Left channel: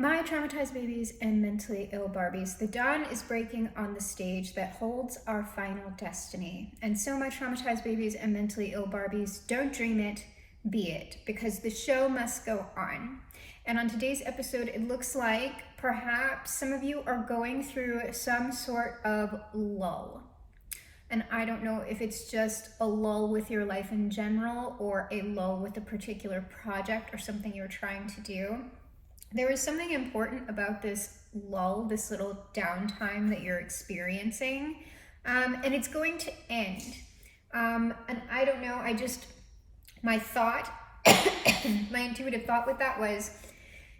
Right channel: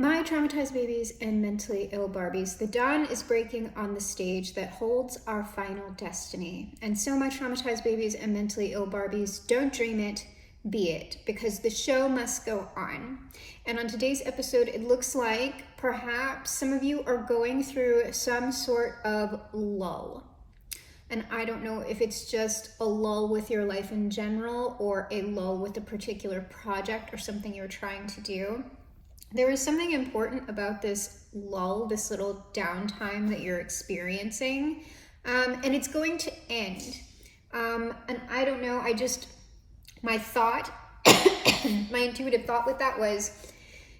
My traumatized babies and mentally ill Barbies, the dawn is breaking on the stage that holds our final destiny. And so my traumatized babies and mentally ill Barbies, don't dream it, be it, because the show must go on. And on today's episode, it looks like perhaps some of you are going through some sort of lull. And I don't know if it's just a lull with your life in general or a lull with a particular project or something you're trying to do. There is something important about this lull, this little downtime that you're experiencing, and it's going to end. And I don't know, my thought, my intuitive thought with that was,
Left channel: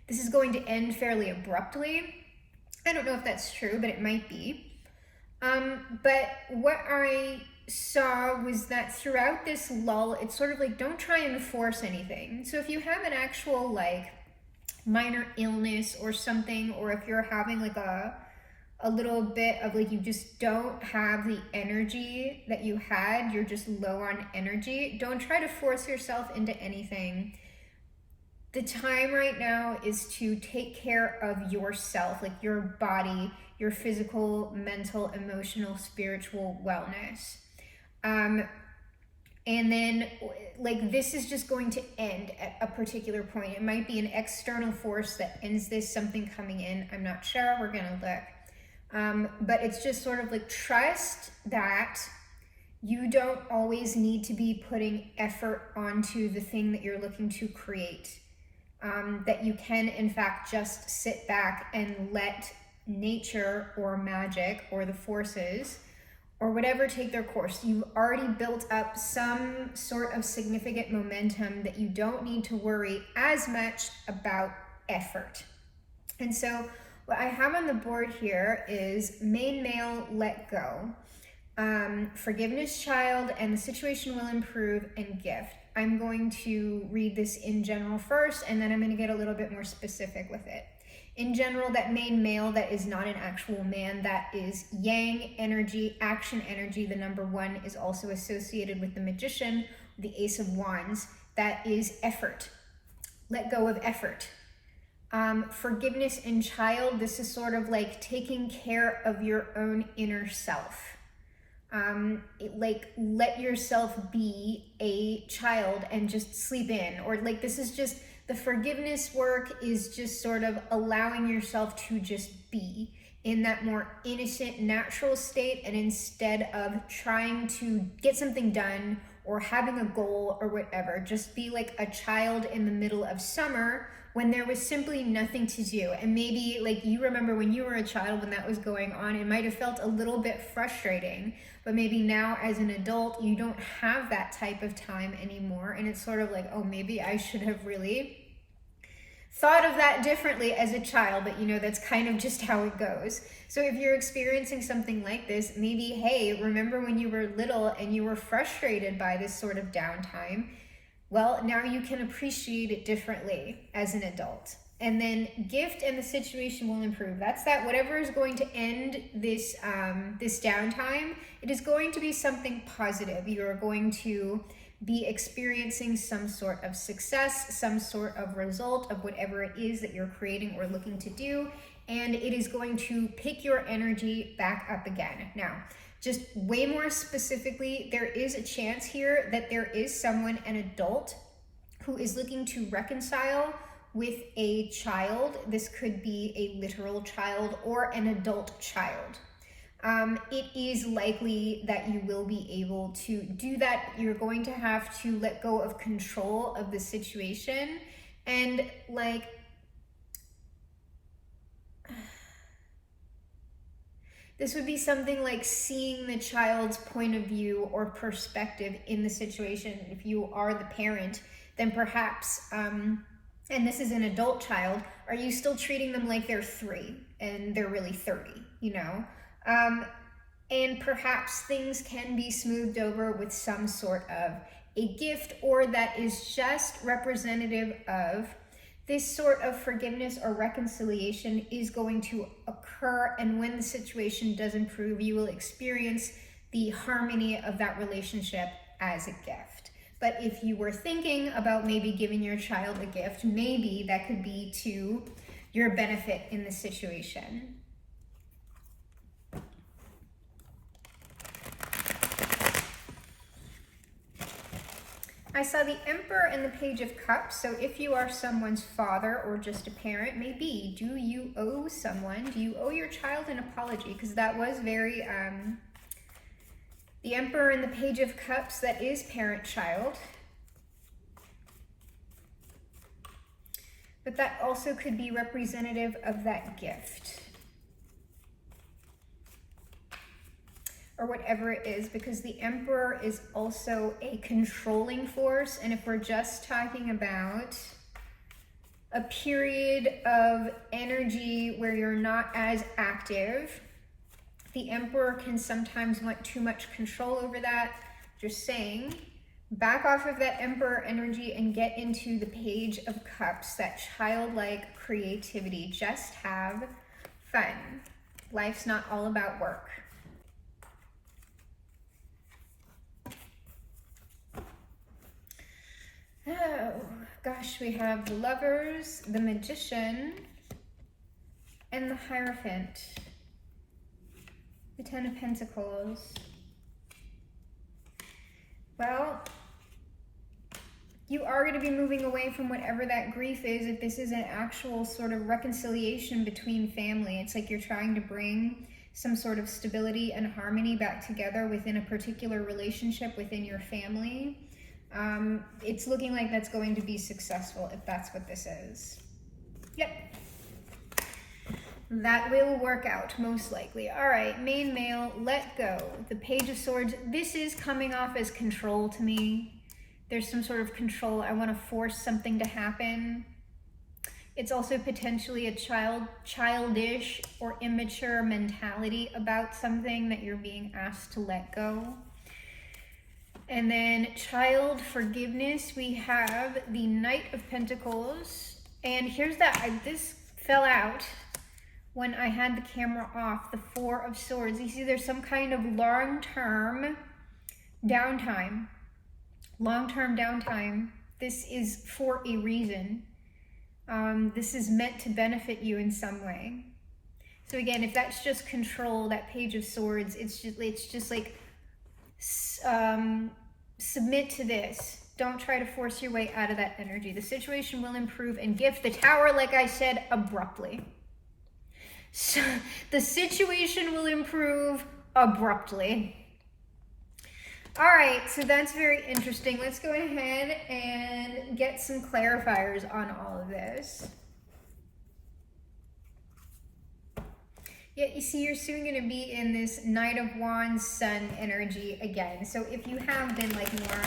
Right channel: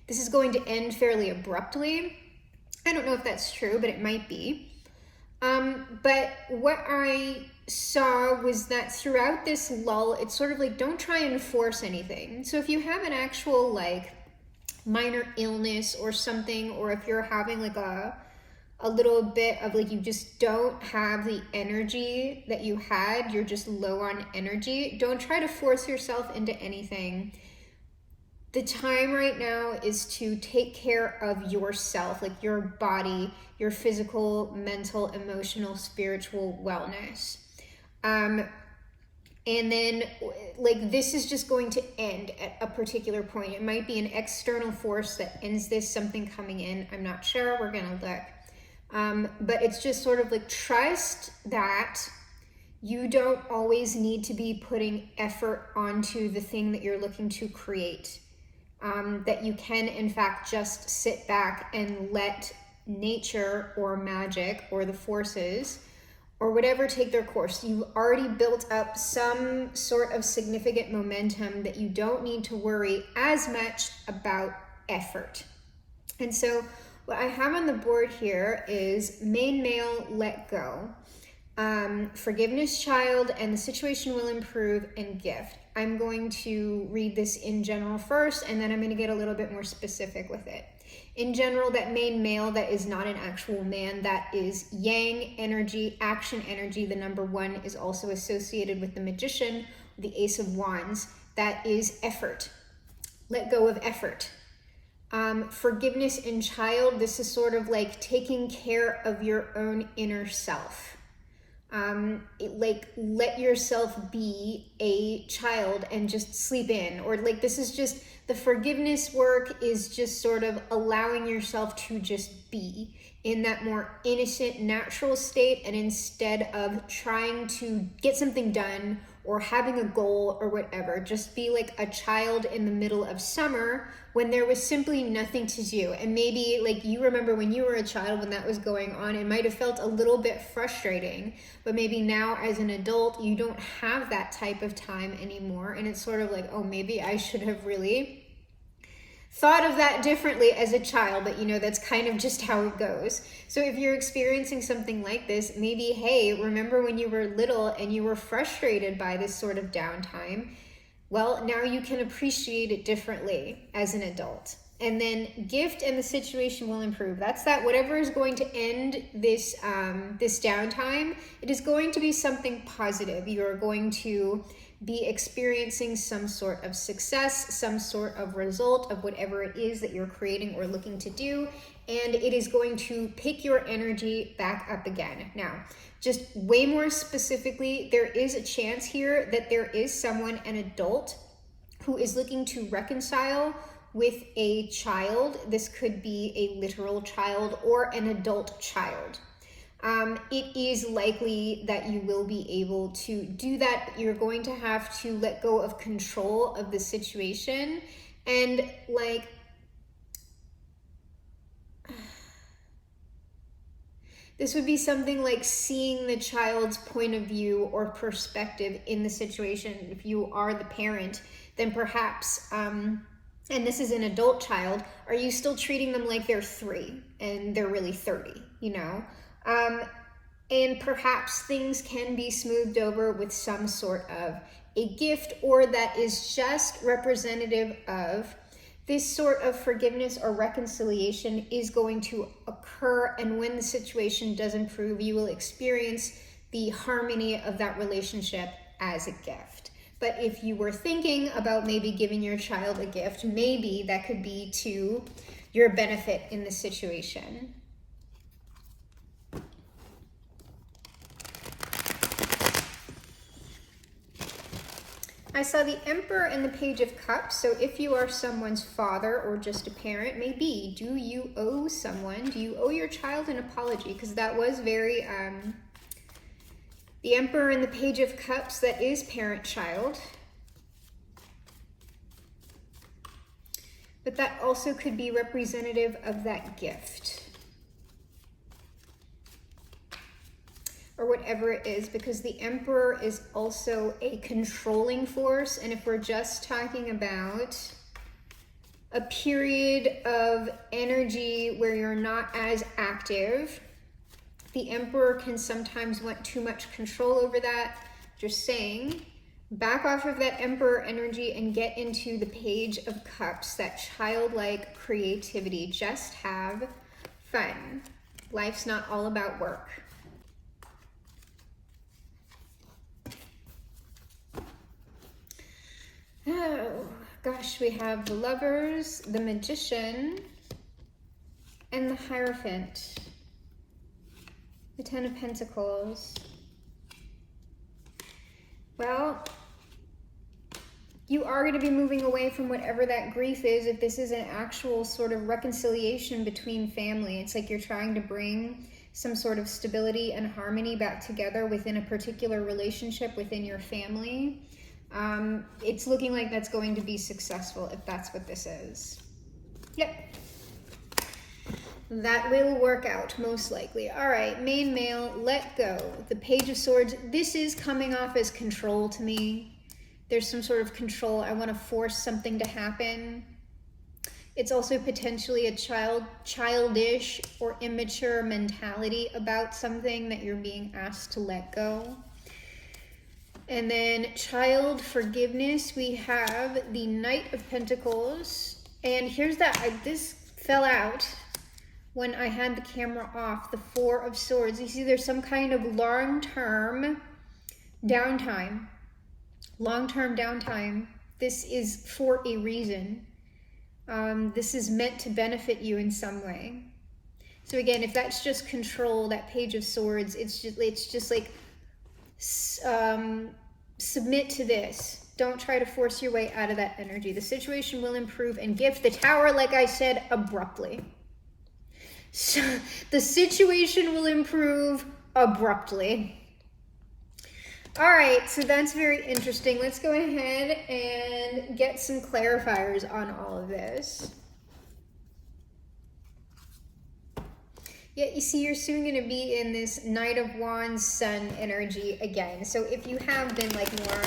this is going to end fairly abruptly. I don't know if that's true, but it might be. But what I saw was that throughout this lull, it's sort of like, don't try and force anything. So if you have an actual minor illness or something, or if you're having a little bit of you just don't have the energy that you had, you're just low on energy, don't try to force yourself into anything. The time right now is to take care of yourself, your body, your physical, mental, emotional, spiritual wellness. And then this is just going to end at a particular point. It might be an external force that ends this, something coming in. I'm not sure. We're going to look. But it's just sort of trust that you don't always need to be putting effort onto the thing that you're looking to create. That you can, in fact, just sit back and let nature or magic or the forces or whatever take their course. You've already built up some sort of significant momentum that you don't need to worry as much about effort. And so what I have on the board here is main male, let go. Forgiveness, child, and the situation will improve, and gift. I'm going to read this in general first, and then I'm going to get a little bit more specific with it. In general, that main male, that is not an actual man, that is yang energy, action energy. The number 1 is also associated with the magician, the ace of wands. That is effort. Let go of effort. Forgiveness in child, this is sort of taking care of your own inner self. Let yourself be a child and just sleep in, or this is just, the forgiveness work is just sort of allowing yourself to just be in that more innocent, natural state, and instead of trying to get something done or having a goal or whatever, just be like a child in the middle of summer when there was simply nothing to do. And maybe you remember when you were a child, when that was going on, it might have felt a little bit frustrating, but maybe now as an adult, you don't have that type of time anymore. And it's sort of oh, maybe I should have really thought of that differently as a child, but that's kind of just how it goes. So if you're experiencing something like this, maybe, hey, remember when you were little and you were frustrated by this sort of downtime? Well, now you can appreciate it differently as an adult. And then gift, and the situation will improve. That's that whatever is going to end this this downtime, it is going to be something positive. You're going to be experiencing some sort of success, some sort of result of whatever it is that you're creating or looking to do, and it is going to pick your energy back up again. Now, just way more specifically, there is a chance here that there is someone, an adult, who is looking to reconcile with a child. This could be a literal child or an adult child. It is likely that you will be able to do that. You're going to have to let go of control of the situation, and this would be something like seeing the child's point of view or perspective in the situation. If you are the parent, then perhaps, and this is an adult child, are you still treating them like they're 3 and they're really 30, and perhaps things can be smoothed over with some sort of a gift, or that is just representative of this sort of forgiveness or reconciliation is going to occur. And when the situation does improve, you will experience the harmony of that relationship as a gift. But if you were thinking about maybe giving your child a gift, maybe that could be to your benefit in the situation. I saw the Emperor and the Page of Cups. So if you are someone's father or just a parent, maybe, do you owe someone, do you owe your child an apology? Because that was very, the Emperor and the Page of Cups, that is parent-child. But that also could be representative of that gift. Or whatever it is, because the Emperor is also a controlling force. And if we're just talking about a period of energy where you're not as active, the Emperor can sometimes want too much control over that. Just saying, back off of that Emperor energy and get into the Page of Cups, that childlike creativity. Just have fun. Life's not all about work. Oh, gosh, we have the Lovers, the Magician, and the Hierophant. The Ten of Pentacles. Well, you are going to be moving away from whatever that grief is if this is an actual sort of reconciliation between family. It's like you're trying to bring some sort of stability and harmony back together within a particular relationship within your family. It's looking like that's going to be successful if that's what this is. Yep. That will work out, most likely. All right, main male, let go. The Page of Swords, this is coming off as control to me. There's some sort of control. I want to force something to happen. It's also potentially a childish or immature mentality about something that you're being asked to let go. And then child forgiveness, we have the Knight of Pentacles. And here's that, this fell out when I had the camera off, the Four of Swords. You see there's some kind of long-term downtime. Long-term downtime. This is for a reason. This is meant to benefit you in some way. So again, if that's just control, that Page of Swords, it's just like, submit to this. Don't try to force your way out of that energy. The situation will improve and gift the Tower, like I said, abruptly. So the situation will improve abruptly. All right, so that's very interesting. Let's go ahead and get some clarifiers on all of this. Yeah, you see, you're soon going to be in this Knight of Wands, Sun energy again. So if you have been like more,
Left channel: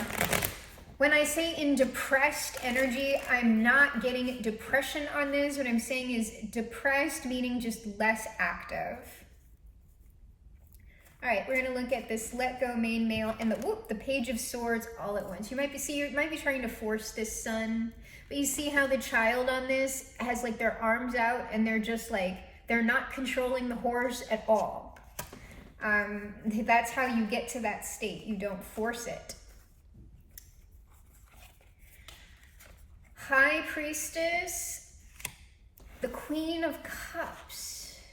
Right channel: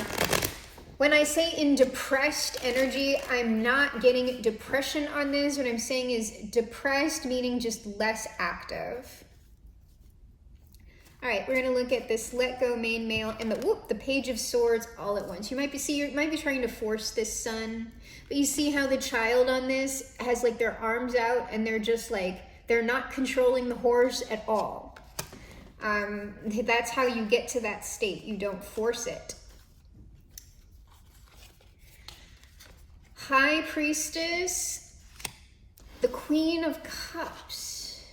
when I say in depressed energy, I'm not getting depression on this. What I'm saying is depressed, meaning just less active. All right, we're going to look at this let go main male and the Page of Swords all at once. You might be trying to force this Sun, but you see how the child on this has like their arms out and they're just like, they're not controlling the horse at all. That's how you get to that state. You don't force it. High Priestess, the Queen of Cups.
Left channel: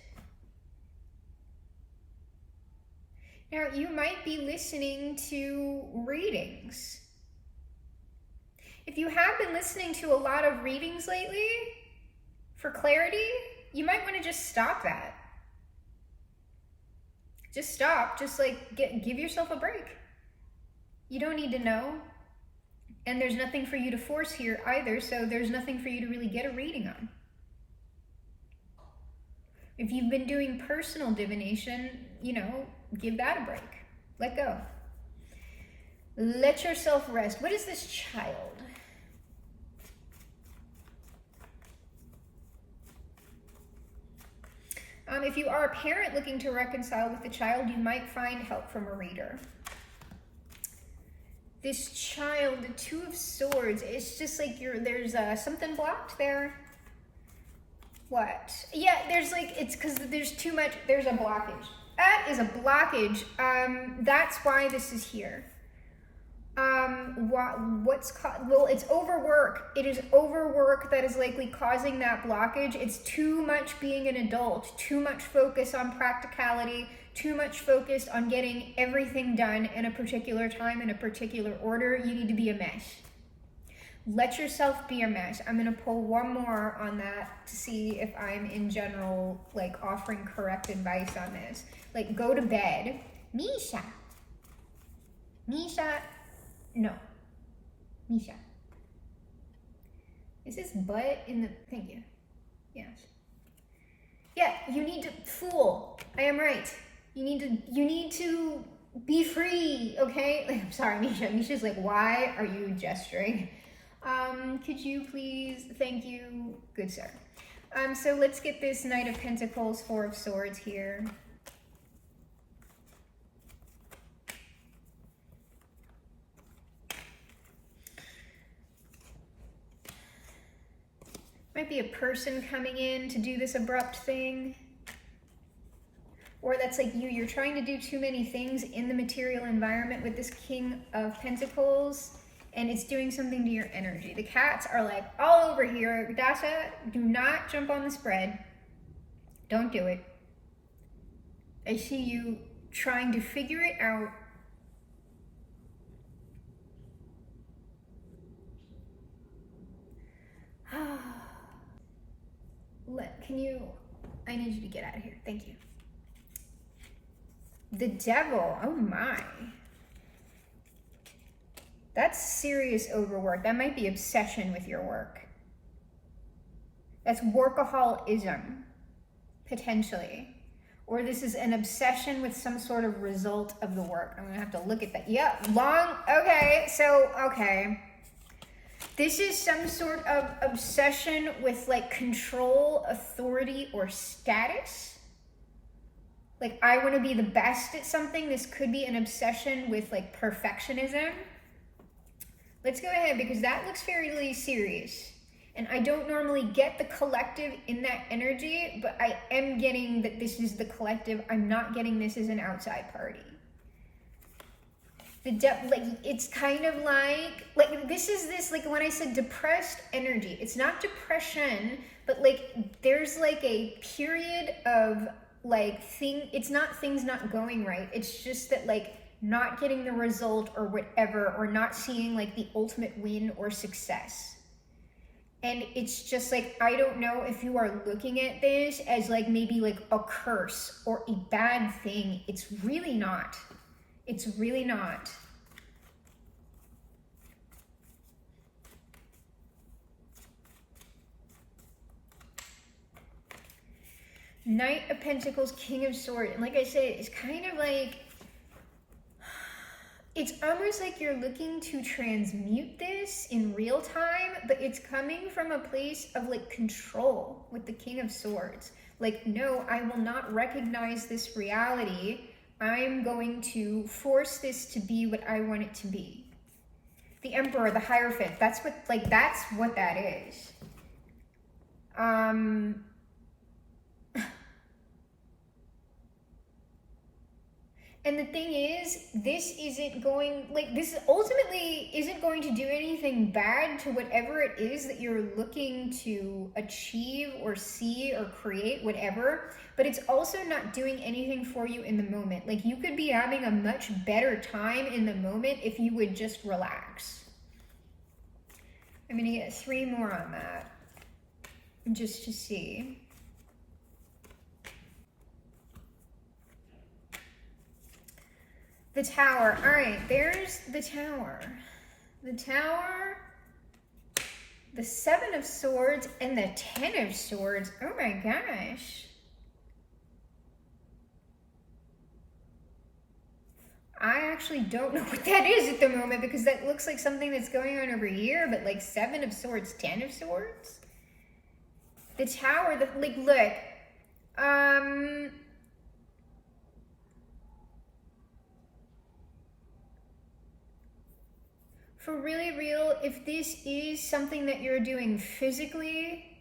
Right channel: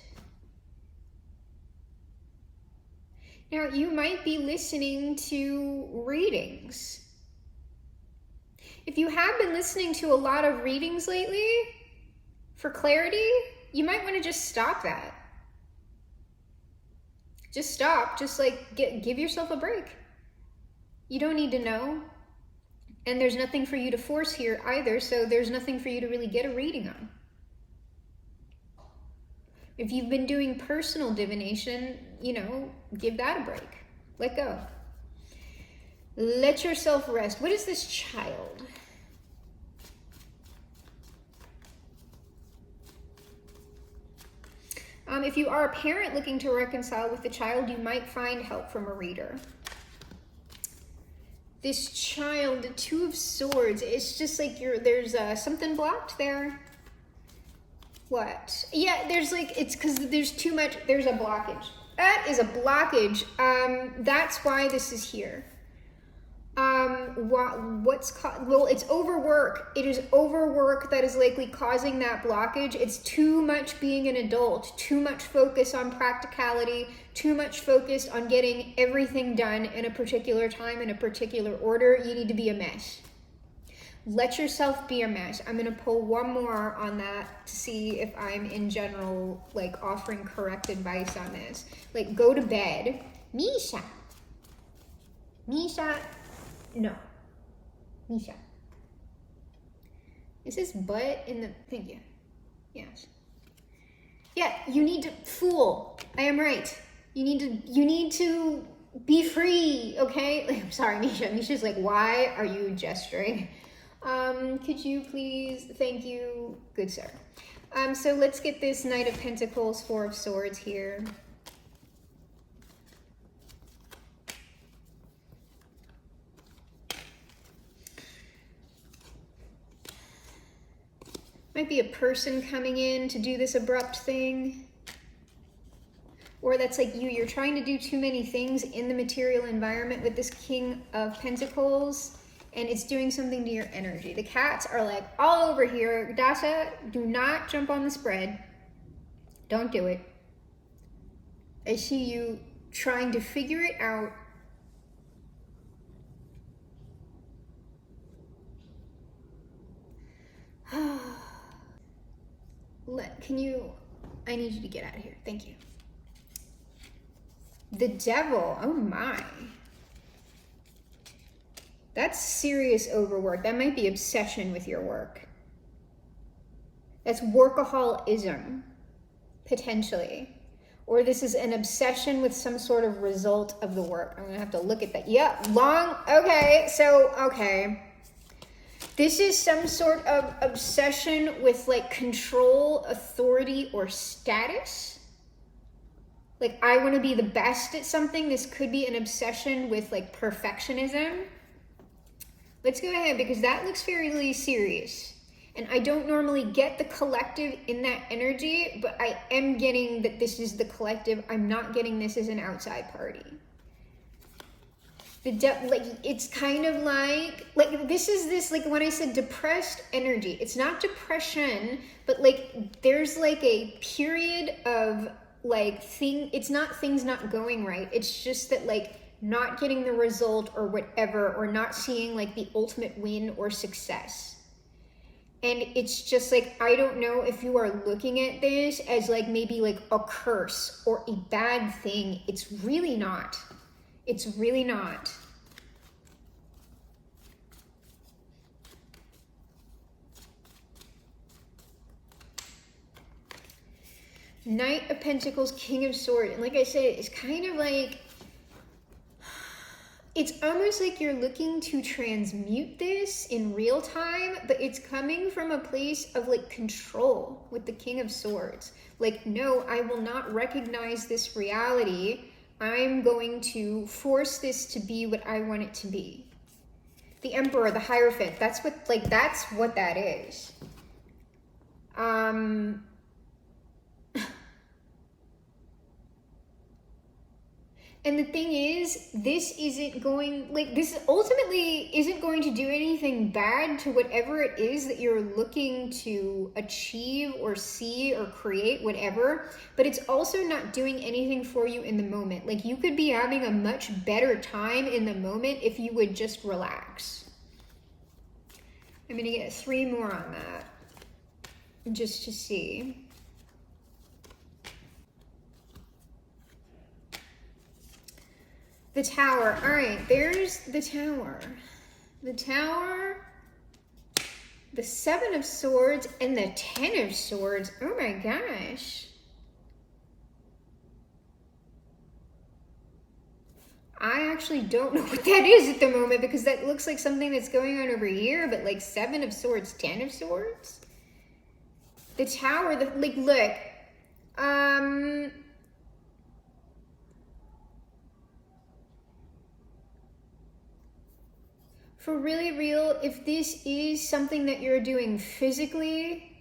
Now, you might be listening to readings. If you have been listening to a lot of readings lately for clarity, you might want to just stop that. Just stop. Just like give yourself a break. You don't need to know. And there's nothing for you to force here either, so there's nothing for you to really get a reading on. If you've been doing personal divination, give that a break. Let go. Let yourself rest. What is this child? If you are a parent looking to reconcile with the child, you might find help from a reader. This child, the Two of Swords, it's just like there's something blocked there. What? Yeah, it's because there's too much, there's a blockage. That is a blockage. That's why this is here. Well, it's overwork. It is overwork that is likely causing that blockage. It's too much being an adult, too much focus on practicality, too much focus on getting everything done in a particular time, in a particular order. You need to be a mess. Let yourself be a mess. I'm going to pull one more on that to see if I'm in general like offering correct advice on this. Like, go to bed. Misha. No. Misha. Is this butt in the... Thank you. Yes. Yeah, you need to... Fool. I am right. You need to be free, okay? I'm sorry, Misha. Misha's like, why are you gesturing? Could you please... Thank you. Good sir. So let's get this Knight of Pentacles, Four of Swords here. Might be a person coming in to do this abrupt thing. Or that's like you're trying to do too many things in the material environment with this King of Pentacles, and it's doing something to your energy. The cats are like all over here. Dasha, do not jump on the spread. Don't do it. I see you trying to figure it out. I need you to get out of here. Thank you. The Devil, oh my. That's serious overwork. That might be obsession with your work. That's workaholism, potentially. Or this is an obsession with some sort of result of the work. I'm gonna have to look at that. Yeah, okay. This is some sort of obsession with like control, authority, or status. Like, I want to be the best at something. This could be an obsession with like perfectionism. Let's go ahead because that looks fairly serious. And I don't normally get the collective in that energy, but I am getting that this is the collective. I'm not getting this as an outside party. Like, it's kind of like this is this, like when I said depressed energy, it's not depression, but like there's like a period of like it's not things not going right. It's just that like not getting the result or whatever, or not seeing like the ultimate win or success. And it's just like, I don't know if you are looking at this as like maybe like a curse or a bad thing. It's really not. It's really not. Knight of Pentacles, King of Swords. And like I said, it's kind of like, it's almost like you're looking to transmute this in real time, but it's coming from a place of like control with the King of Swords. Like, no, I will not recognize this reality. I'm going to force this to be what I want it to be. The Emperor, the Hierophant, that's what that is. And the thing is, this ultimately isn't going to do anything bad to whatever it is that you're looking to achieve or see or create, whatever, but it's also not doing anything for you in the moment. Like, you could be having a much better time in the moment if you would just relax. I'm gonna get 3 more on that, just to see. The Tower. All right, there's the Tower. The Tower, the 7 of Swords, and the 10 of Swords. Oh my gosh. I actually don't know what that is at the moment, because that looks like something that's going on over here, but like 7 of Swords, 10 of Swords? The Tower, look. For really real, if this is something that you're doing physically,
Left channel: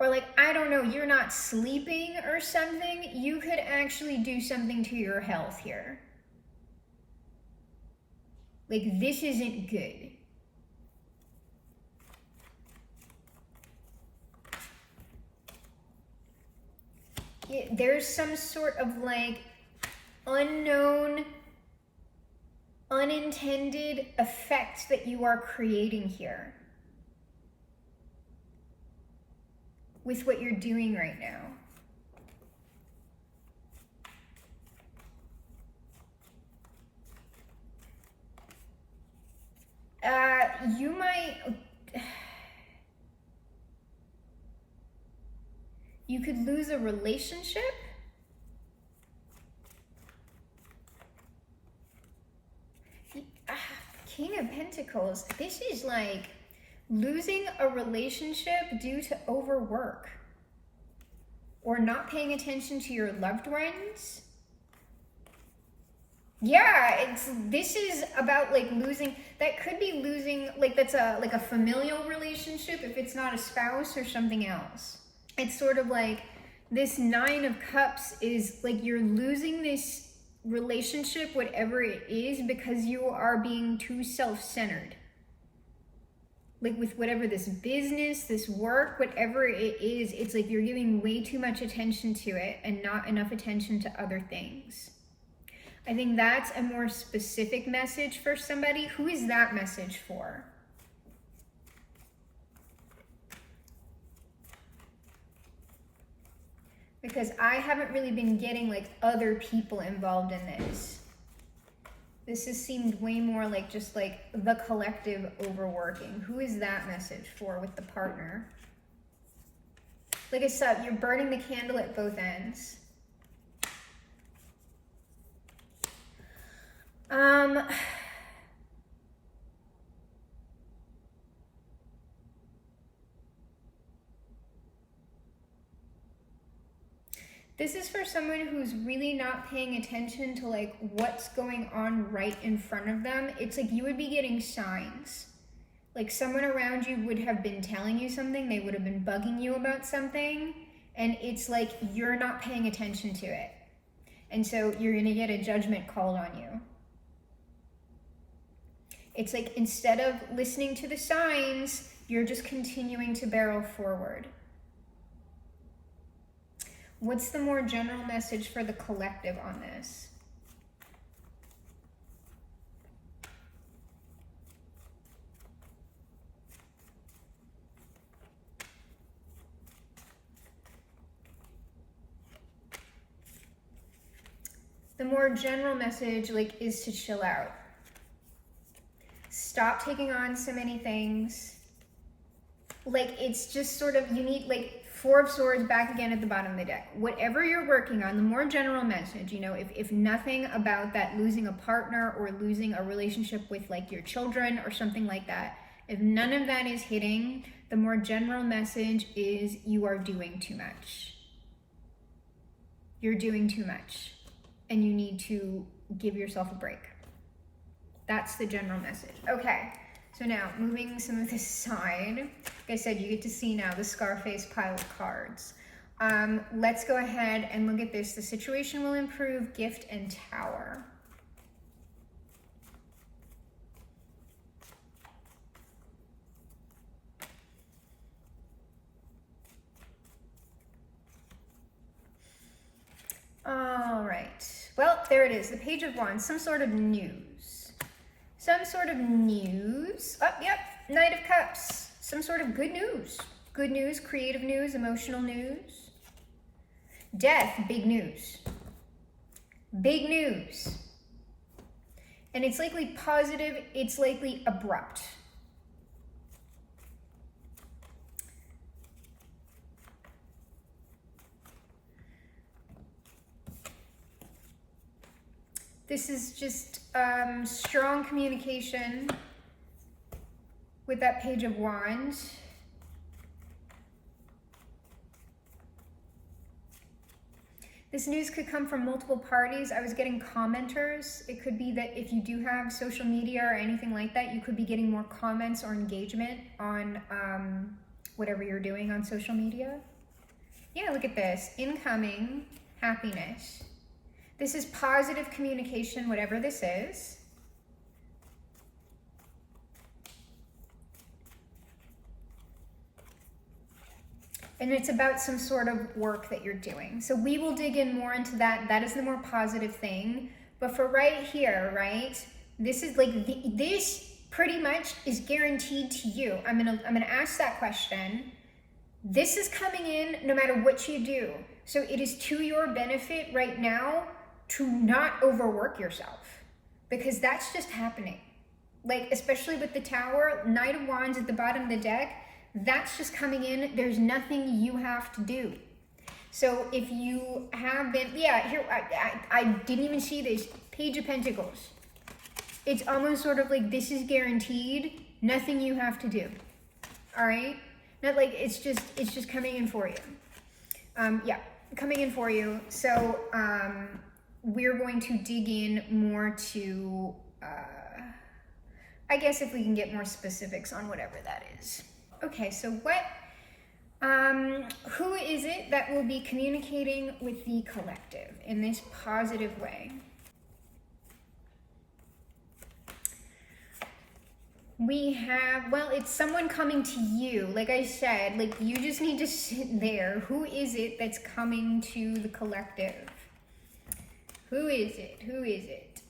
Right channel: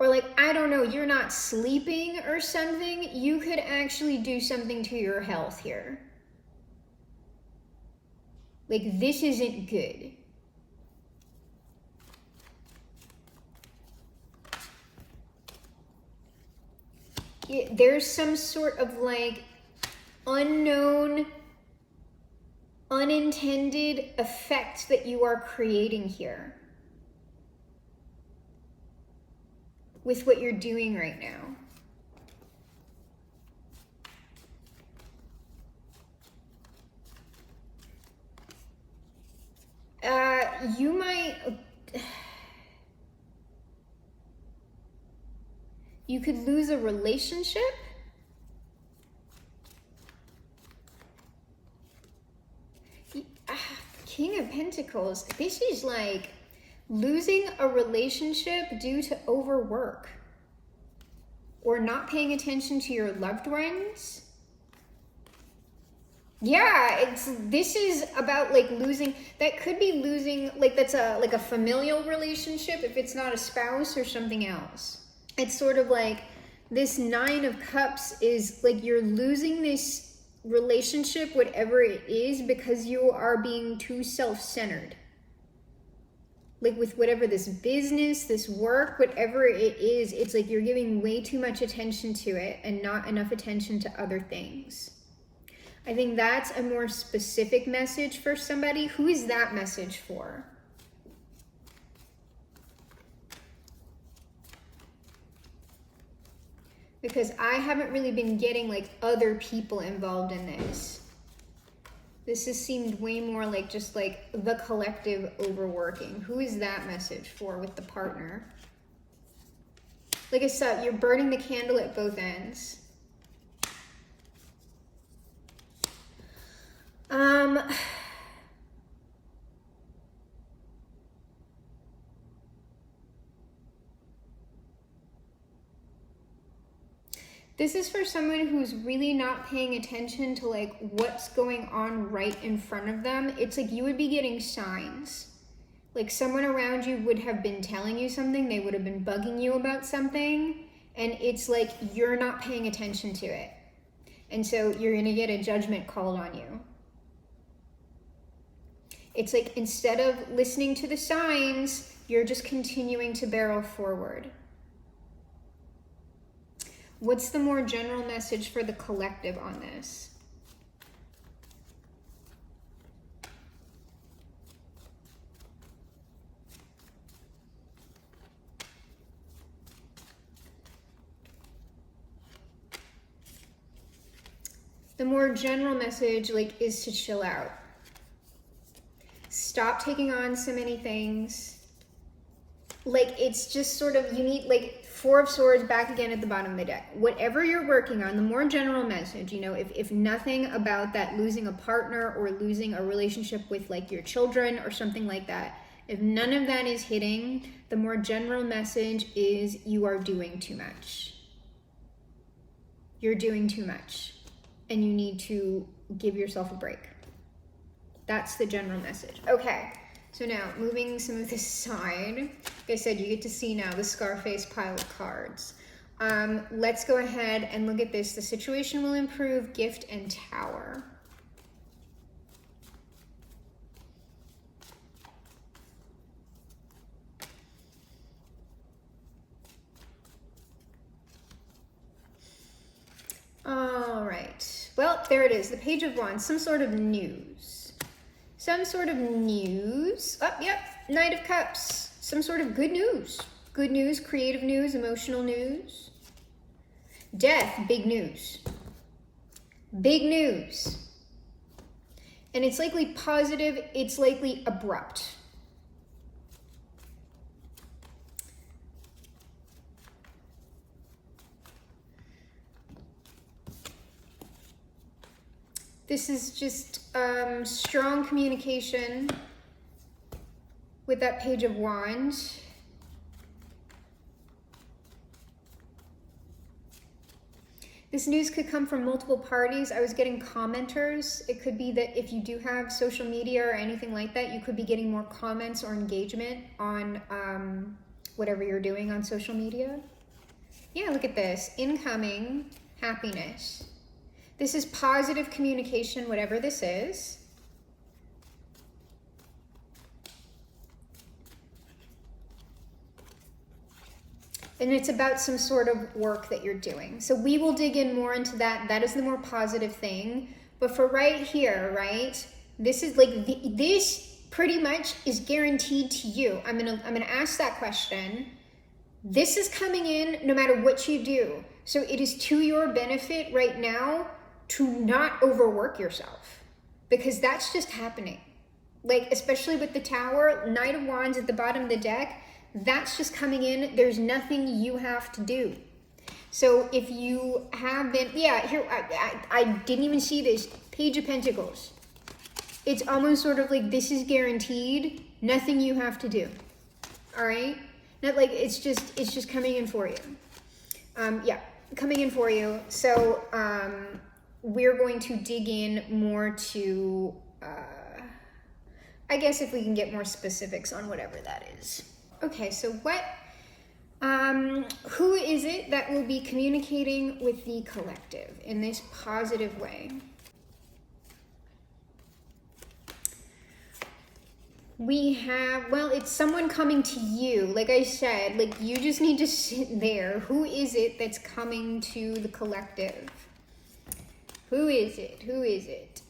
or like, I don't know, you're not sleeping or something, you could actually do something to your health here. Like, this isn't good. There's some sort of like unknown, unintended effect that you are creating here with what you're doing right now. You might, you could lose a relationship. King of Pentacles, this is like losing a relationship due to overwork or not paying attention to your loved ones. Yeah, this is about like losing, that could be losing, like that's like a familial relationship if it's not a spouse or something else. It's sort of like this Nine of Cups is like you're losing this relationship, whatever it is, because you are being too self-centered. Like with whatever this business, this work, whatever it is, it's like you're giving way too much attention to it and not enough attention to other things. I think that's a more specific message for somebody. Who is that message for? Because I haven't really been getting like other people involved in this. This has seemed way more like just like the collective overworking. Who is that message for with the partner? Like I said, you're burning the candle at both ends. This is for someone who's really not paying attention to like what's going on right in front of them. It's like you would be getting signs. Like someone around you would have been telling you something, they would have been bugging you about something, and it's like you're not paying attention to it. And so you're gonna get a judgment called on you. It's like instead of listening to the signs, you're just continuing to barrel forward. What's the more general message for the collective on this? The more general message like is to chill out. Stop taking on so many things. Like it's just sort of, you need like Four of Swords back again at the bottom of the deck. Whatever you're working on, the more general message, you know, if nothing about that losing a partner or losing a relationship with like your children or something like that, if none of that is hitting, the more general message is you are doing too much. You're doing too much and you need to give yourself a break. That's the general message. Okay. So now, moving some of this aside, like I said, you get to see now the Scarface pile of cards. Let's go ahead and look at this. The situation will improve, gift, and tower. All right. Well, there it is. The Page of Wands. Some sort of news. Some sort of news. Oh, yep. Knight of Cups. Some sort of good news. Good news, creative news, emotional news. Death, big news. Big news. And it's likely positive. It's likely abrupt. This is just strong communication with that Page of Wands. This news could come from multiple parties. I was getting commenters. It could be that if you do have social media or anything like that, you could be getting more comments or engagement on whatever you're doing on social media. Yeah, look at this. Incoming happiness. This is positive communication, whatever this is. And it's about some sort of work that you're doing. So we will dig in more into that. That is the more positive thing. But for right here, right, this is like, this pretty much is guaranteed to you. I'm gonna ask that question. This is coming in no matter what you do. So it is to your benefit right now to not overwork yourself, because that's just happening. Like, especially with the Tower, Knight of Wands at the bottom of the deck, that's just coming in. There's nothing you have to do. So if you have been, yeah, here, I didn't even see this, Page of Pentacles. It's almost sort of like, this is guaranteed, nothing you have to do. All right? Not like, it's just coming in for you. Yeah, coming in for you. So we're going to dig in more to, I guess if we can get more specifics on whatever that is. Okay, so who is it that will be communicating with the collective in this positive way? We have, well, it's someone coming to you. Like I said, like, you just need to sit there. Who is it that's coming to the collective? Who is it? Who is it?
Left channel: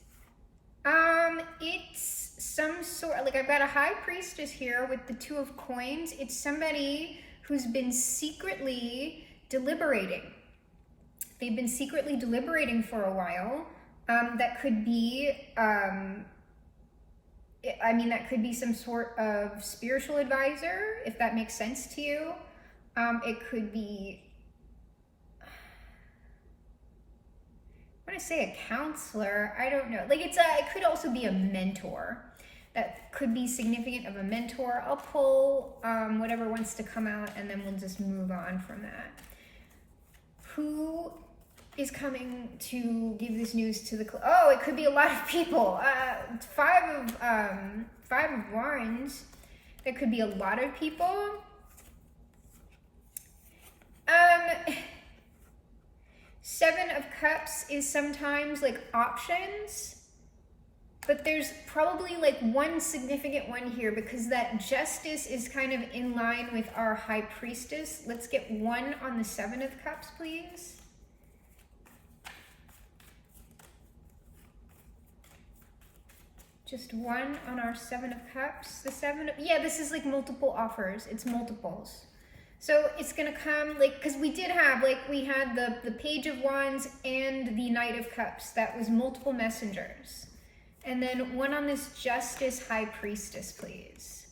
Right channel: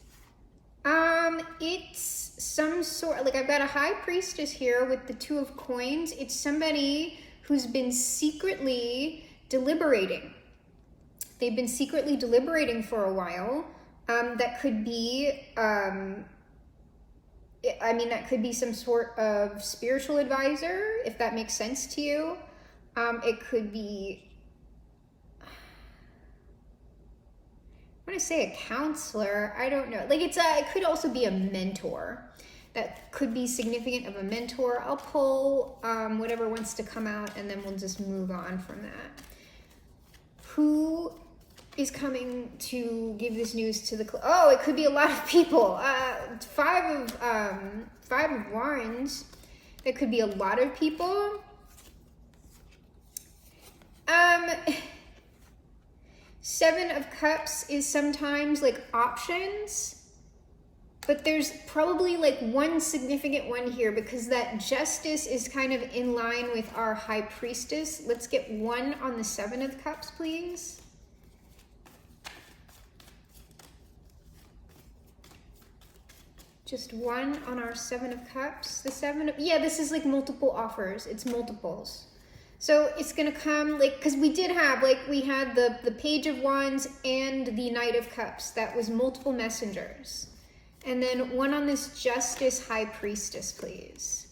It's some sort, like, I've got a high priestess here with the 2 of coins. It's somebody who's been secretly deliberating. They've been secretly deliberating for a while. That could be, that could be some sort of spiritual advisor, if that makes sense to you. It could be, I want to say a counselor. I don't know. Like, it could also be a mentor. That could be significant of a mentor. I'll pull whatever wants to come out, and then we'll just move on from that. Who is coming to give this news to the... Oh, it could be a lot of people. 5 of Wands. It could be a lot of people. Seven of Cups is sometimes like options, but there's probably like one significant one here, because that Justice is kind of in line with our High Priestess. Let's get one on the 7 of Cups, please. Just one on our 7 of Cups. The 7 of, yeah, this is like multiple offers. It's multiples. So it's going to come, like, because we did have, like, we had the Page of Wands and the Knight of Cups. That was multiple messengers. And then one on this Justice High Priestess, please.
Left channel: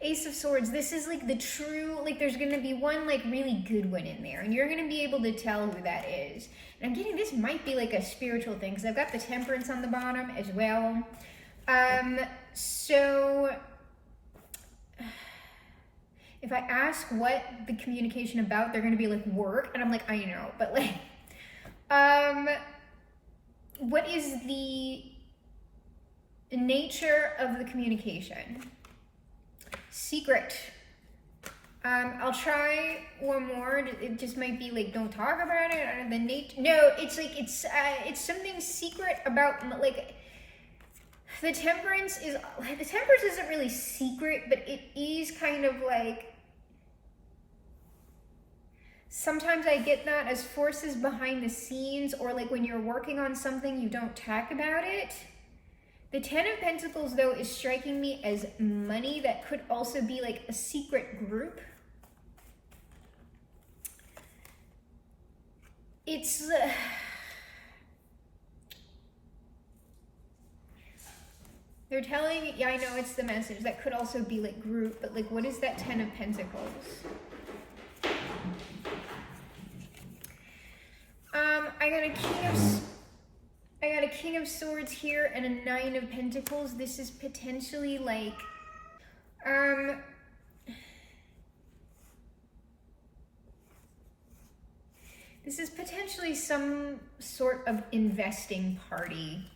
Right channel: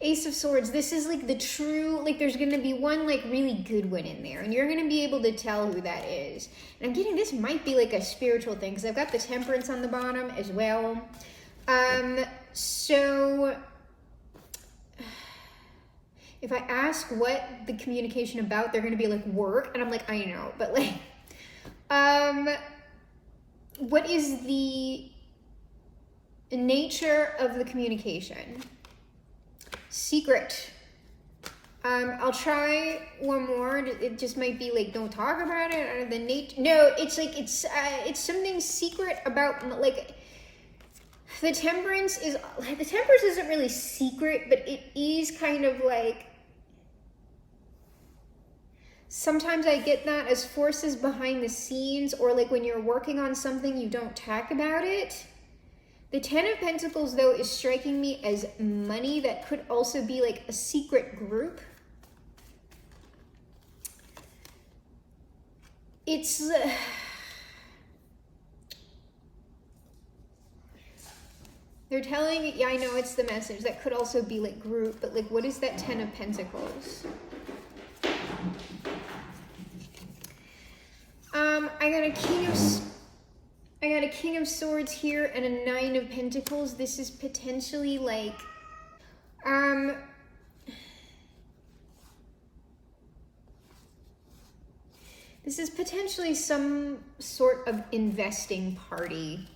Ace of Swords. This is, like, the true, like, there's going to be one, like, really good one in there. And you're going to be able to tell who that is. And I'm getting, this might be, like, a spiritual thing, because I've got the Temperance on the bottom as well. So... if I ask what the communication about, they're going to be like, work. And I'm like, I know. But like, what is the nature of the communication? Secret. I'll try one more. It just might be like, don't talk about it. Or the nature. No, it's like, it's something secret about, like, the Temperance isn't really secret, but it is kind of like, sometimes I get that as forces behind the scenes, or like when you're working on something, you don't talk about it. The 10 of Pentacles, though, is striking me as money. That could also be like a secret group. It's... they're telling, yeah, I know it's the message. That could also be like group, but like, what is that 10 of Pentacles? I got a King of Swords here and a 9 of Pentacles. This is potentially like, this is potentially some sort of investing party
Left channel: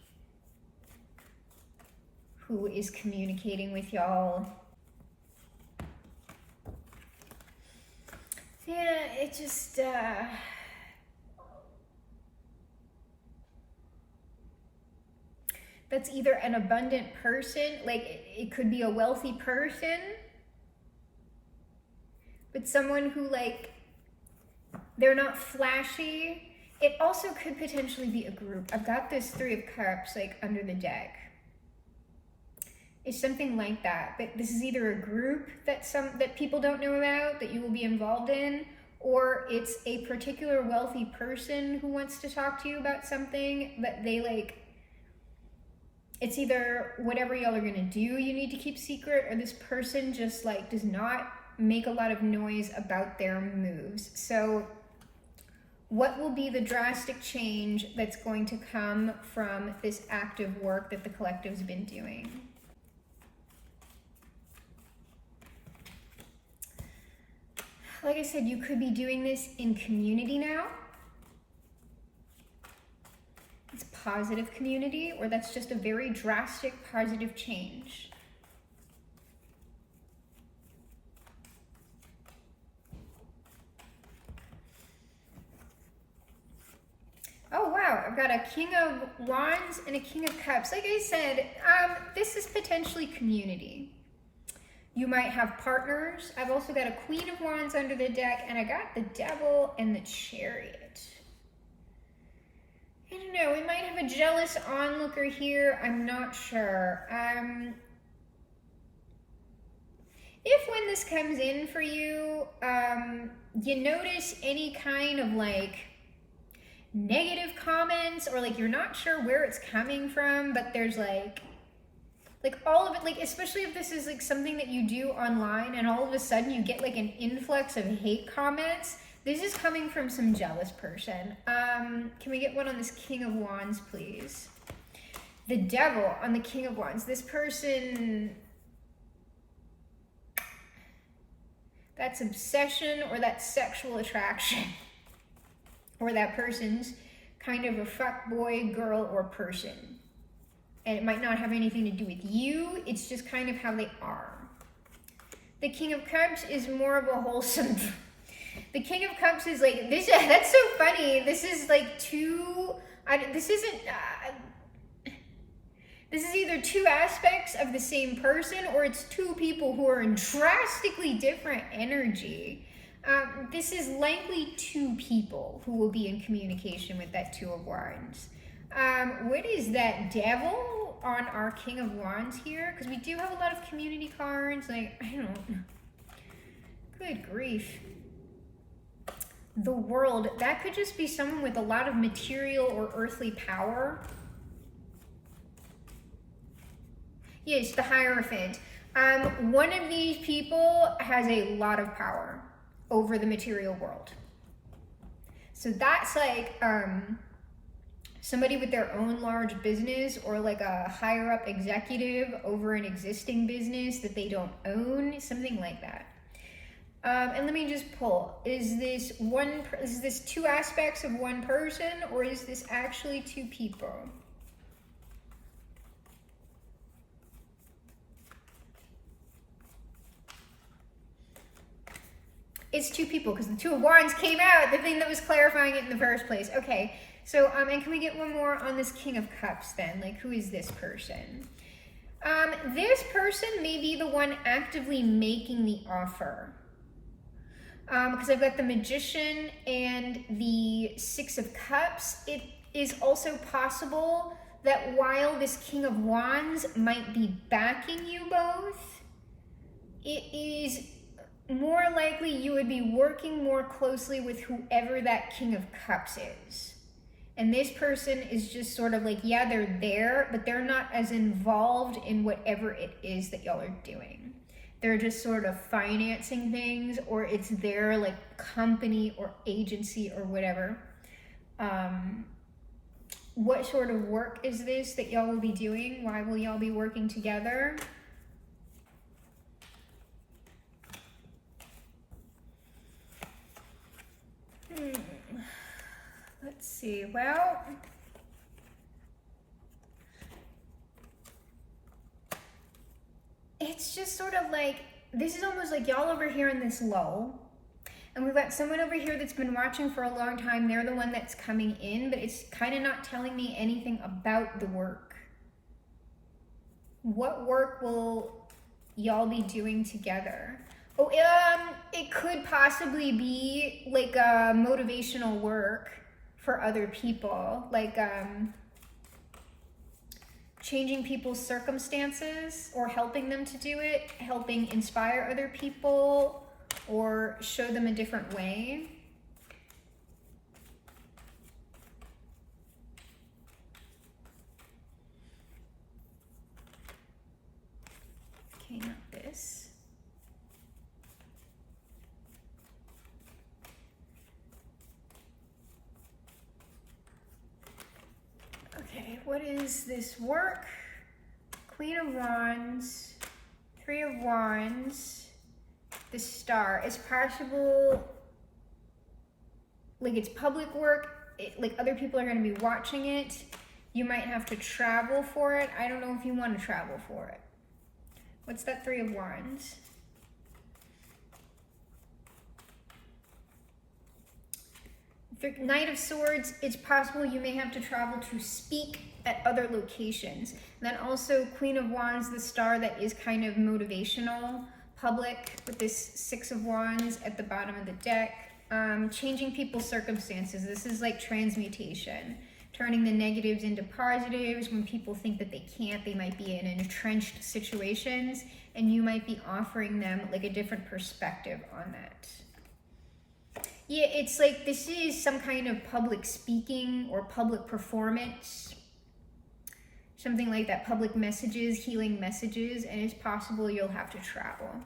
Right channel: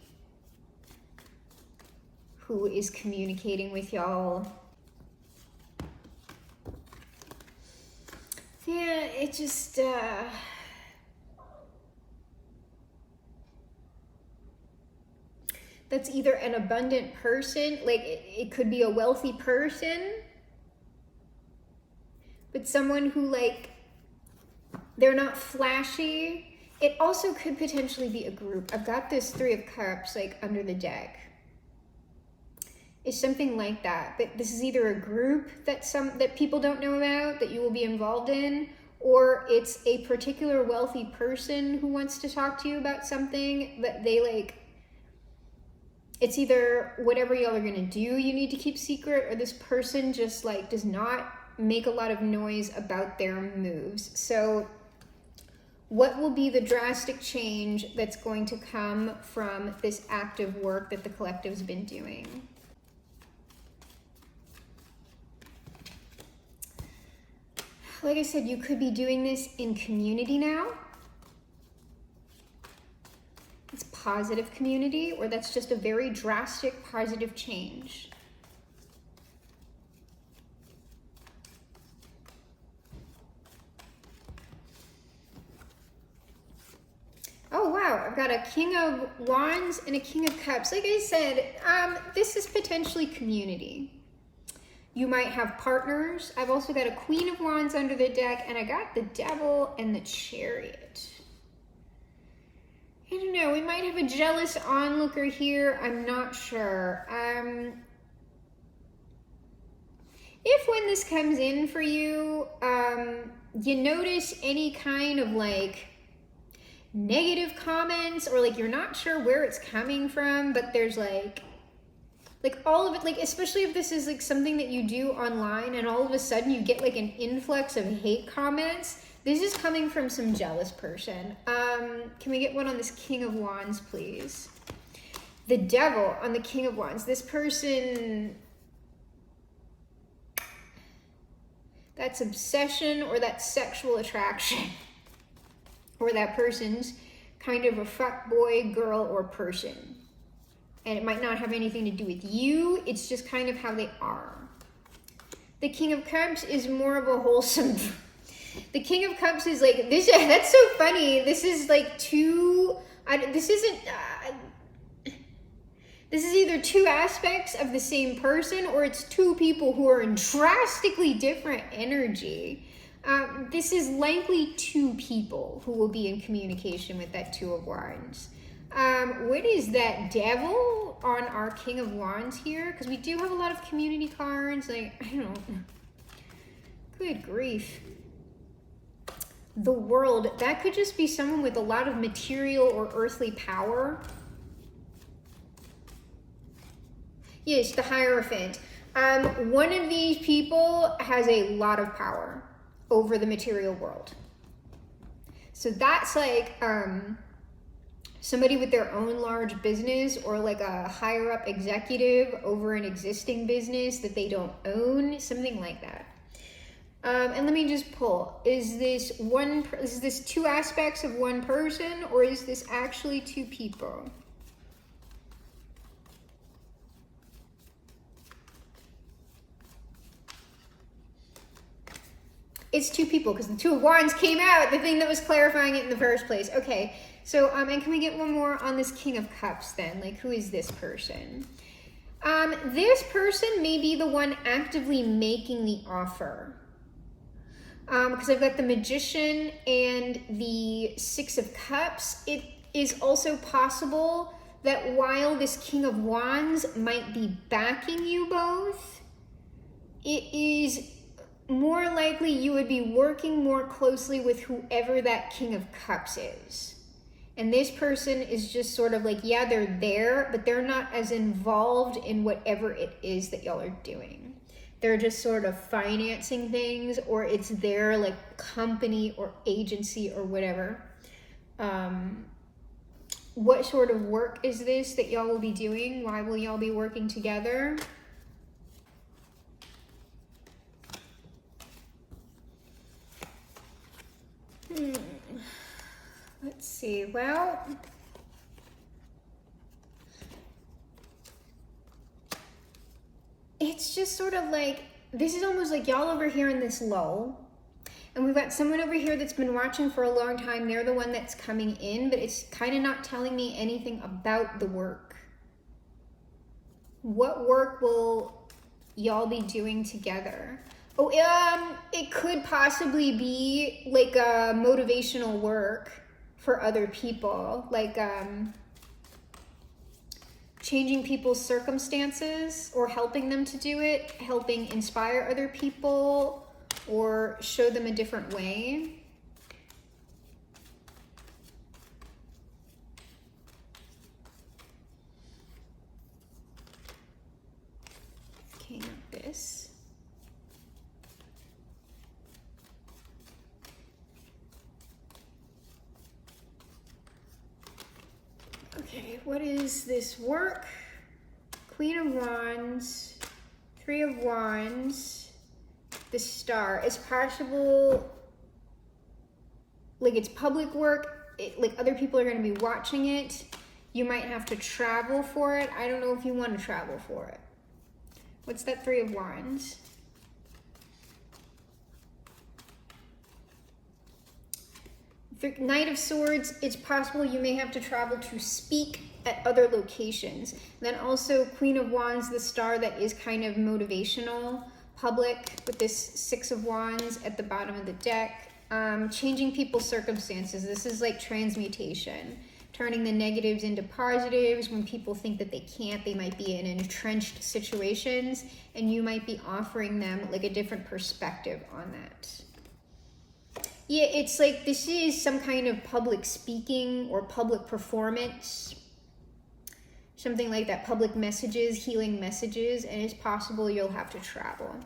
who is communicating with y'all. Yeah, it just, that's either an abundant person, like it could be a wealthy person, but someone who like They're not flashy. It also could potentially be a group. I've got this Three of Cups like under the deck. It's something like that. But this is either a group that people don't know about that you will be involved in, or it's a particular wealthy person who wants to talk to you about something that they like. It's either whatever y'all are gonna do you need to keep secret, or this person just like does not make a lot of noise about their moves. So what will be the drastic change that's going to come from this active work that the collective's been doing? Like I said, you could be doing this in community now. It's positive community, or that's just a very drastic positive change. Oh wow, I've got a King of Wands and a King of Cups. Like I said, this is potentially community. You might have partners. I've also got a Queen of Wands under the deck, and I got the Devil and the Chariot. I don't know, we might have a jealous onlooker here. I'm not sure. If when this comes in for you, you notice any kind of like negative comments, or like you're not sure where it's coming from, but there's like all of it, like especially if this is like something that you do online and all of a sudden you get like an influx of hate comments, this is coming from some jealous person. Can we get one on this King of Wands, please? The Devil on the King of Wands. This person, that's obsession, or that's sexual attraction, or that person's kind of a fuck boy, girl, or person. And it might not have anything to do with you, it's just kind of how they are. The King of Cups is more of a wholesome. The King of Cups is like, this. That's so funny. This is like this is either two aspects of the same person, or it's two people who are in drastically different energy. This is likely two people who will be in communication with that Two of Wands. What is that Devil on our King of Wands here? Because we do have a lot of community cards. Like, I don't. Good grief. The World. That could just be someone with a lot of material or earthly power. Yes, the Hierophant. One of these people has a lot of power over the material world. So that's like somebody with their own large business, or like a higher up executive over an existing business that they don't own, something like that. And let me just pull. Is this two aspects of one person, or is this actually two people? It's two people, because the Two of Wands came out, the thing that was clarifying it in the first place. Okay, so, and can we get one more on this King of Cups then? Like, who is this person? This person may be the one actively making the offer. Because I've got the Magician and the Six of Cups. It is also possible that while this King of Wands might be backing you both, it is more likely you would be working more closely with whoever that King of Cups is. And this person is just sort of like, yeah, they're there, but they're not as involved in whatever it is that y'all are doing. They're just sort of financing things, or it's their like company or agency or whatever. What sort of work is this that y'all will be doing? Why will y'all be working together? Let's see. Well, it's just sort of like, this is almost like y'all over here in this lull, and we've got someone over here that's been watching for a long time. They're the one that's coming in, but it's kind of not telling me anything about the work. What work will y'all be doing together? Oh, it could possibly be like a motivational work for other people, like changing people's circumstances or helping them to do it, helping inspire other people or show them a different way. Okay, not this. Okay, what is this work? Queen of Wands, Three of Wands, the Star. It's possible, like it's public work, like other people are going to be watching it. You might have to travel for it. I don't know if you want to travel for it. What's that Three of Wands? The Knight of Swords, it's possible you may have to travel to speak at other locations. Then also Queen of Wands, the Star, that is kind of motivational, public, with this Six of Wands at the bottom of the deck. Changing people's circumstances. This is like transmutation. Turning the negatives into positives. When people think that they can't, they might be in entrenched situations, and you might be offering them like a different perspective on that. Yeah, it's like this is some kind of public speaking or public performance. Something like that, public messages, healing messages, and it's possible you'll have to travel.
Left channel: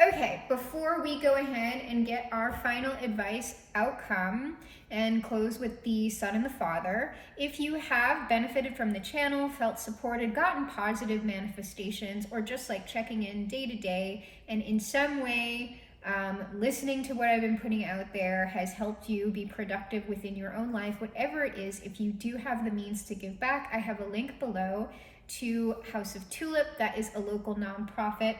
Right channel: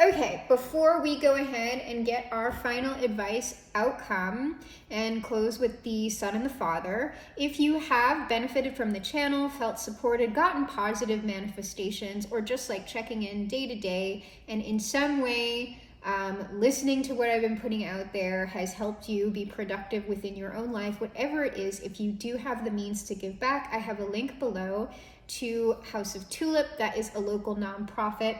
Okay, before we go ahead and get our final advice outcome and close with the Son and the Father, if you have benefited from the channel, felt supported, gotten positive manifestations, or just like checking in day to day, and in some way listening to what I've been putting out there has helped you be productive within your own life, whatever it is, if you do have the means to give back, I have a link below to House of TULIP. That is a local nonprofit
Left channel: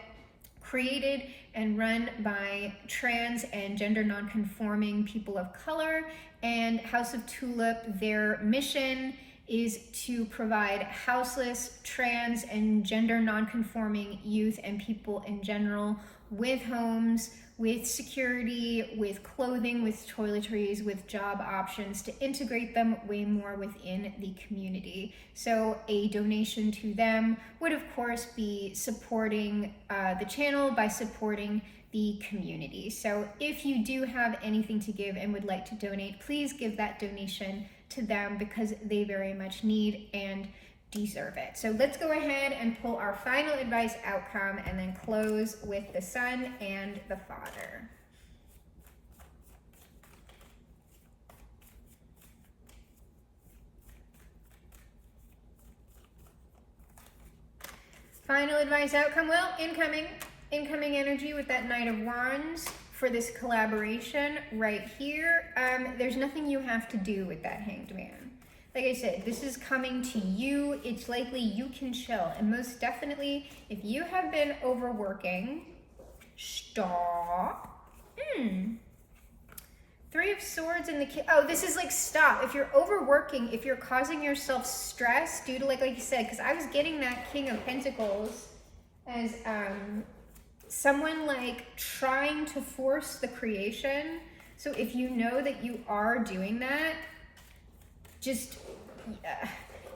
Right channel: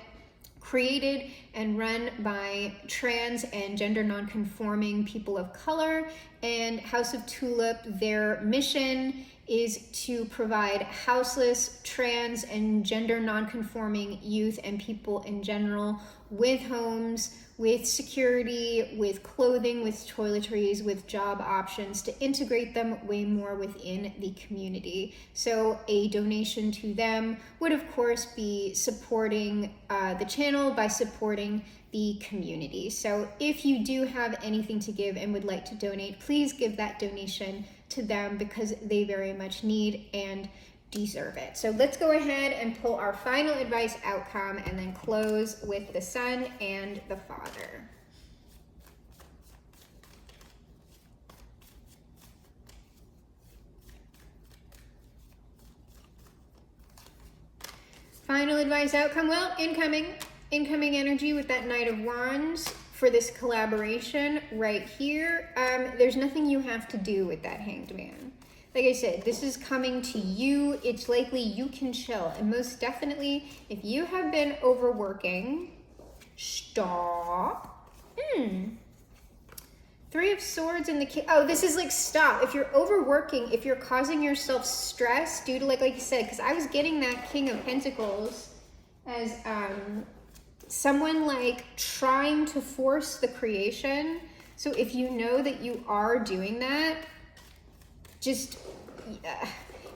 created and run by trans and gender non-conforming people of color. And House of TULIP, their mission is to provide houseless, trans, and gender non-conforming youth and people in general with homes, with security, with clothing, with toiletries, with job options to integrate them way more within the community. So a donation to them would of course be supporting the channel by supporting the community. So if you do have anything to give and would like to donate, please give that donation to them because they very much need and deserve it. So let's go ahead and pull our final advice outcome and then close with the Son and the Father. Final advice outcome, well, incoming energy with that Knight of Wands for this collaboration right here. There's nothing you have to do with that Hanged Man. Like I said, this is coming to you. It's likely you can chill. And most definitely, if you have been overworking, stop. Three of Swords in the oh, this is like stop. If you're overworking, if you're causing yourself stress due to like you said, because I was getting that King of Pentacles as someone like trying to force the creation. So if you know that you are doing that, just,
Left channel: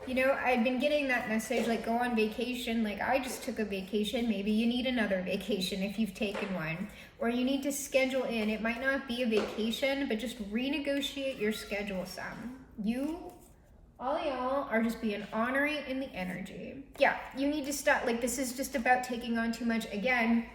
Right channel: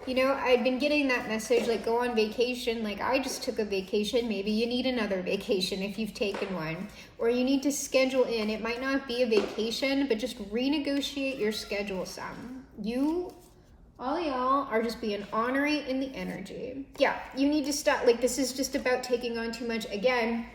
you know, I've been getting that message, like go on vacation. Like I just took a vacation. Maybe you need another vacation if you've taken one, or you need to schedule in. It might not be a vacation, but just renegotiate your schedule some. All of y'all are just being honorary in the energy. Yeah, you need to stop. Like this is just about taking on too much. Again,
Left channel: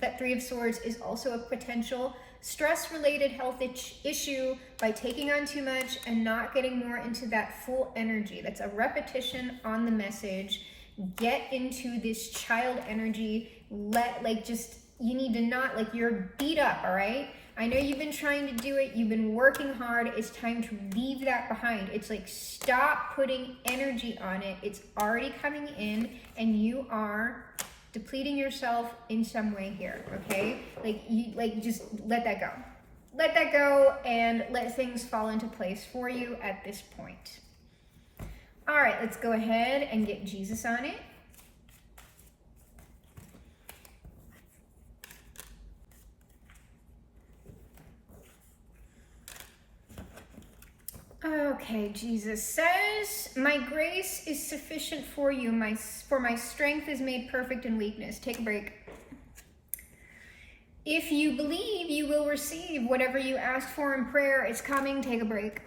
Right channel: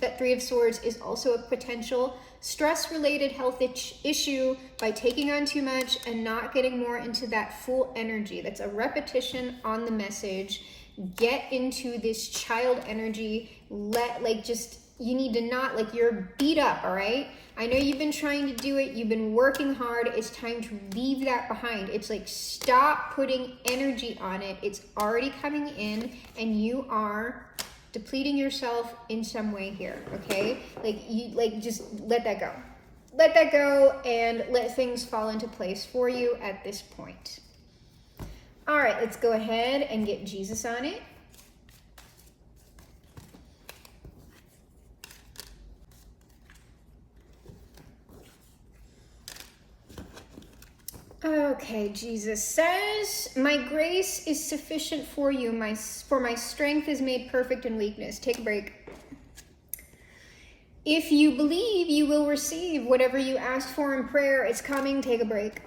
that Three of Swords is also a potential stress-related health issue by taking on too much and not getting more into that full energy. That's a repetition on the message. Get into this child energy. You need to not, like you're beat up, all right? I know you've been trying to do it. You've been working hard. It's time to leave that behind. It's like stop putting energy on it. It's already coming in and you are depleting yourself in some way here, okay? Just let that go. Let that go and let things fall into place for you at this point. All right, let's go ahead and get Jesus on it. Okay, Jesus says, my grace is sufficient for you, for my strength is made perfect in weakness. Take a break. If you believe you will receive whatever you ask for in prayer, it's coming. Take a break.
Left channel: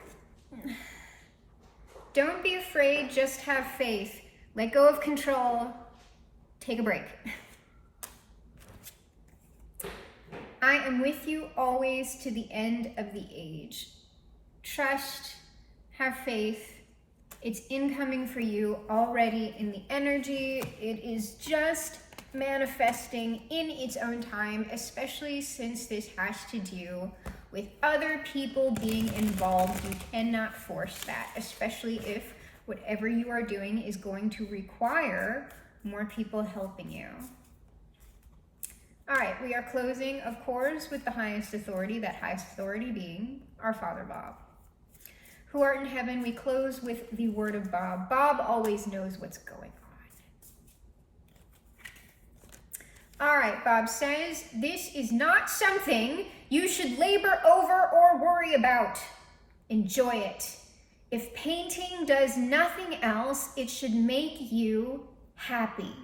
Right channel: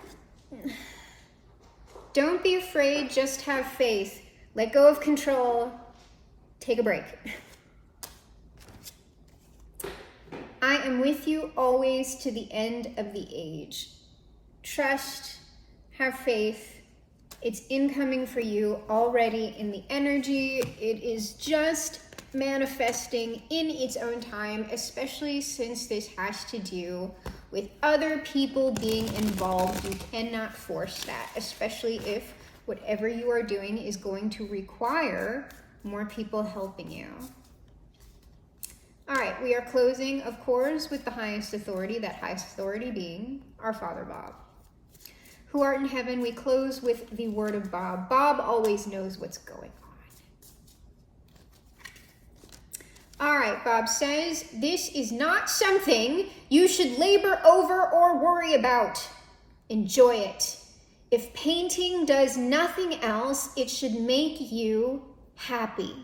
Don't be afraid, just have faith. Let go of control. Take a break. I am with you always to the end of the age. Trust, have faith. It's incoming for you already in the energy. It is just manifesting in its own time, especially since this has to do with other people being involved. You cannot force that, especially if whatever you are doing is going to require more people helping you. All right, we are closing, of course, with the highest authority, that highest authority being our Father Bob. Who art in heaven, we close with the word of Bob. Bob always knows what's going on. All right, Bob says, this is not something you should labor over or worry about. Enjoy it. If painting does nothing else, it should make you happy.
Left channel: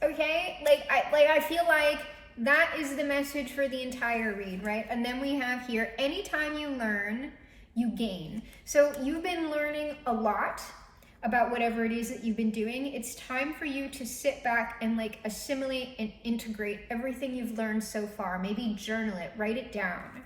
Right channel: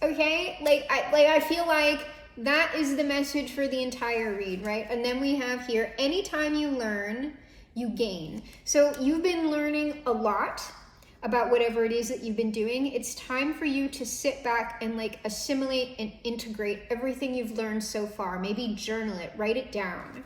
Okay, I feel like that is the message for the entire read, right? And then we have here, anytime you learn, you gain. So you've been learning a lot about whatever it is that you've been doing. It's time for you to sit back and assimilate and integrate everything you've learned so far. Maybe journal it, write it down.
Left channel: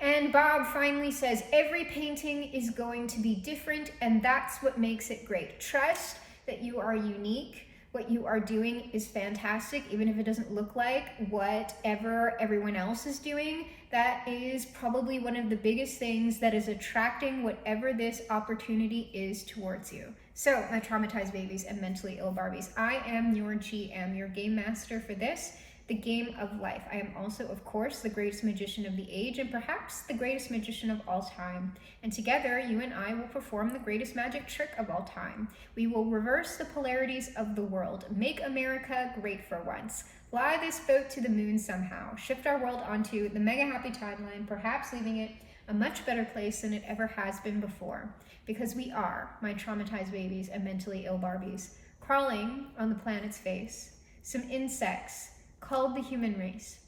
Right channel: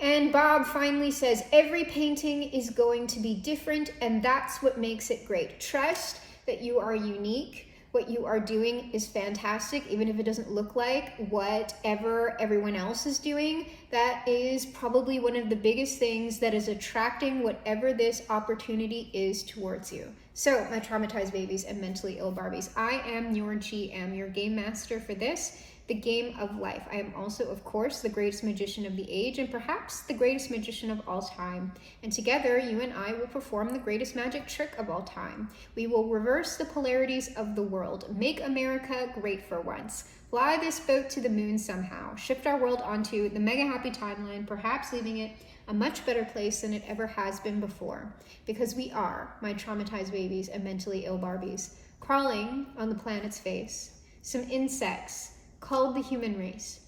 And Bob finally says, every painting is going to be different, and that's what makes it great. Trust that you are unique. What you are doing is fantastic, even if it doesn't look like whatever everyone else is doing. That is probably one of the biggest things that is attracting whatever this opportunity is towards you. So, my traumatized babies and mentally ill Barbies, I am your GM, your game master for this, the game of life. I am also, of course, the greatest magician of the age and perhaps the greatest magician of all time. And together, you and I will perform the greatest magic trick of all time. We will reverse the polarities of the world, make America great for once, fly this boat to the moon somehow, shift our world onto the mega happy timeline, perhaps leaving it a much better place than it ever has been before. Because we are, my traumatized babies and mentally ill Barbies, crawling on the planet's face, some insects called the human race,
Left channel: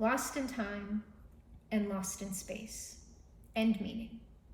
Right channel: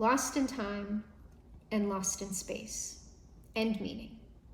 lost in time and lost in space. End meaning.